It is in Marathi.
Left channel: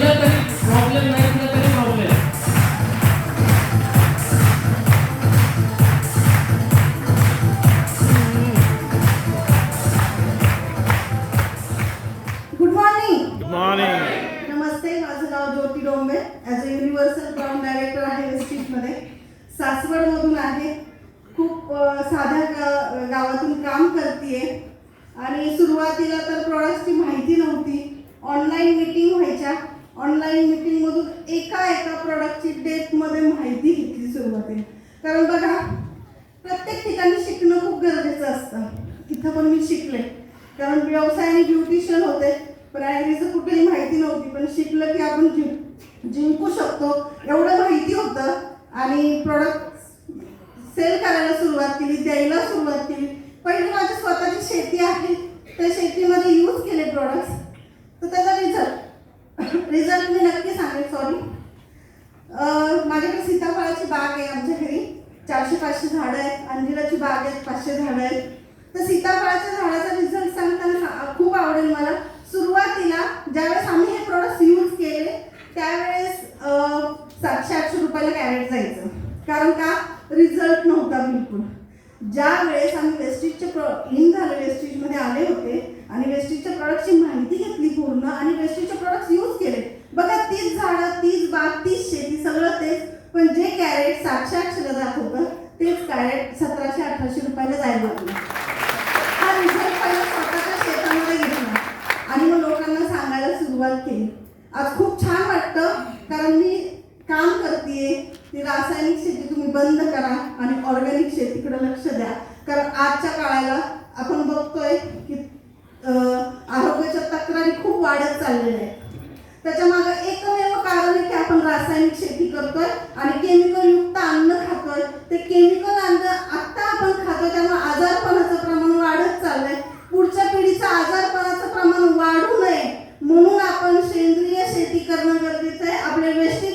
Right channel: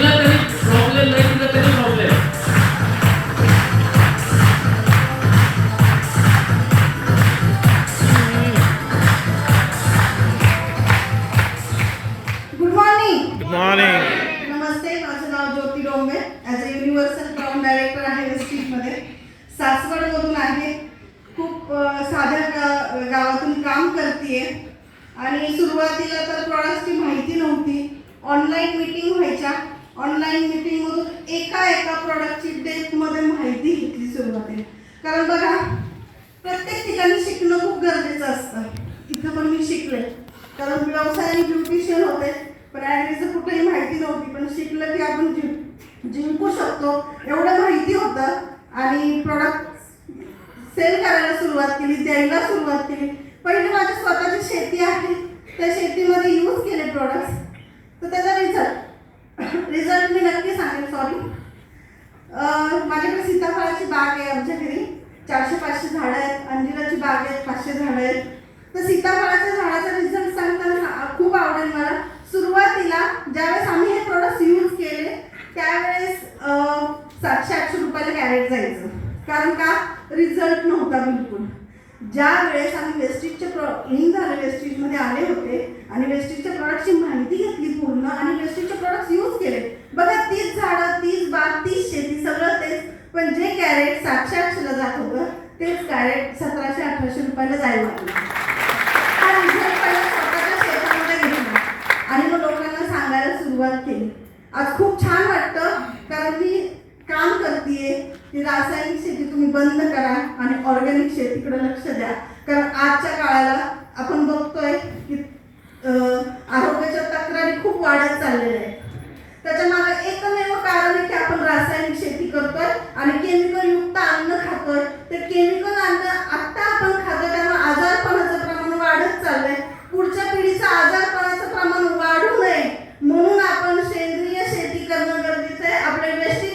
दिला तरी प्रॉब्लेम, नाही दिला तरी problem. Good morning. Good morning. नमस्ते, माझं नाव Jyoti Dombe. As a universal crown director आहे वेस्टीजमध्ये. सासवडमधून आहे. खूप साध्या गावातून काम करते आणि सुरुवातीला तर प्रॉडक्टची माहिती नव्हती. ऑनलाईन मीटिंग व्हायच्या. ऑनलाईन मीटिंगमधून एका प्रॉडक्टची डेप्थमध्ये माहिती घेतली सुरुवातीला. कारण बघा, प्रत्येक ठिकाणी शिकणं खूप गरजेचं असतं. इथं पण मी शिकले, कारण व्यवसायाने ब्युटिशियन होते, पण ॲडमिचं कुठेही माहिती नव्हती. पण शिकलं की आपण जिंकू शकतो एवढं माहिती होतं. आणि प्रोडक्ट सेल करायला सुरुवात केली, द्यायला सुरुवात केली. पहिले माझी स्वतःची शेती आहे, त्या शेतीमध्ये यूज केले प्रोडक्ट्स. तर त्याचा रिझल्ट मी नक्की सांगेन. सॉरी, माझ्याकडे सीताफळाची बाग आहे आमच्या घरी. 400-500 झाडं आहेत. अंजिराची बाग आहे, 500 झाडं आहेत. तर सीताफळाच्या झाडाचा रिझल्ट सांगताना खूप आवडेल मला. सुरुवातीला ज्यावेळेस आम्ही हे प्रोडक्ट्स यूज केले त्यावेळेस 700-800 रुपयाला कॅरेट जायचं. कारण का, रिझल्ट नव्हता बिलकुल. ज्या वेळेस आम्ही वेस्टीजचे इन झाले, वेस्टीजमध्ये आले होते आणि वेस्टीजच्या प्रोडक्टची माहिती घेतली पूर्ण आणि वेस्टीजचे प्रोडक्ट्स यूज केले. बघा, 30 झाडं, 30 बाग, 30 शेती, सगळं तेच. पण जे कॅरेट 700-800ला जात होतं तेच कॅरेट 1700-1800 रुपयाला जायला लागलं. हा रिझल्ट पहिला स्वतःच्या शेतामध्ये घेतला आणि मग लोकांना सांगायला सुरुवात केली. आज खूप छान वाटतं, कारण मी काम करते की रासायनिक शेती तुम्ही बंद करा आणि ऑर्गॅनिक शेतीकडे लक्ष द्या. कारण आजच्या काळाला आपण बघतोय की आरोग्याच्या तक्रारी खूप वाढत चाललेल्या आहेत. त्याच्या मागे एकमेव कारण आहे की आपण रासायनिक शेती करतोय आणि केमिकल युक्त अन्न खातोय. ते केमिकल अन्न आत्ता आपण खातोय, त्यामुळे आजारपणाचं प्रमाण वाढत चाललंय. पुढच्या पिढीचं आजारपणाचं प्रमाण वाढू नये म्हणून आपण सेंद्रिय शेती करणं गरजेचं आहे. आपले वेस्टी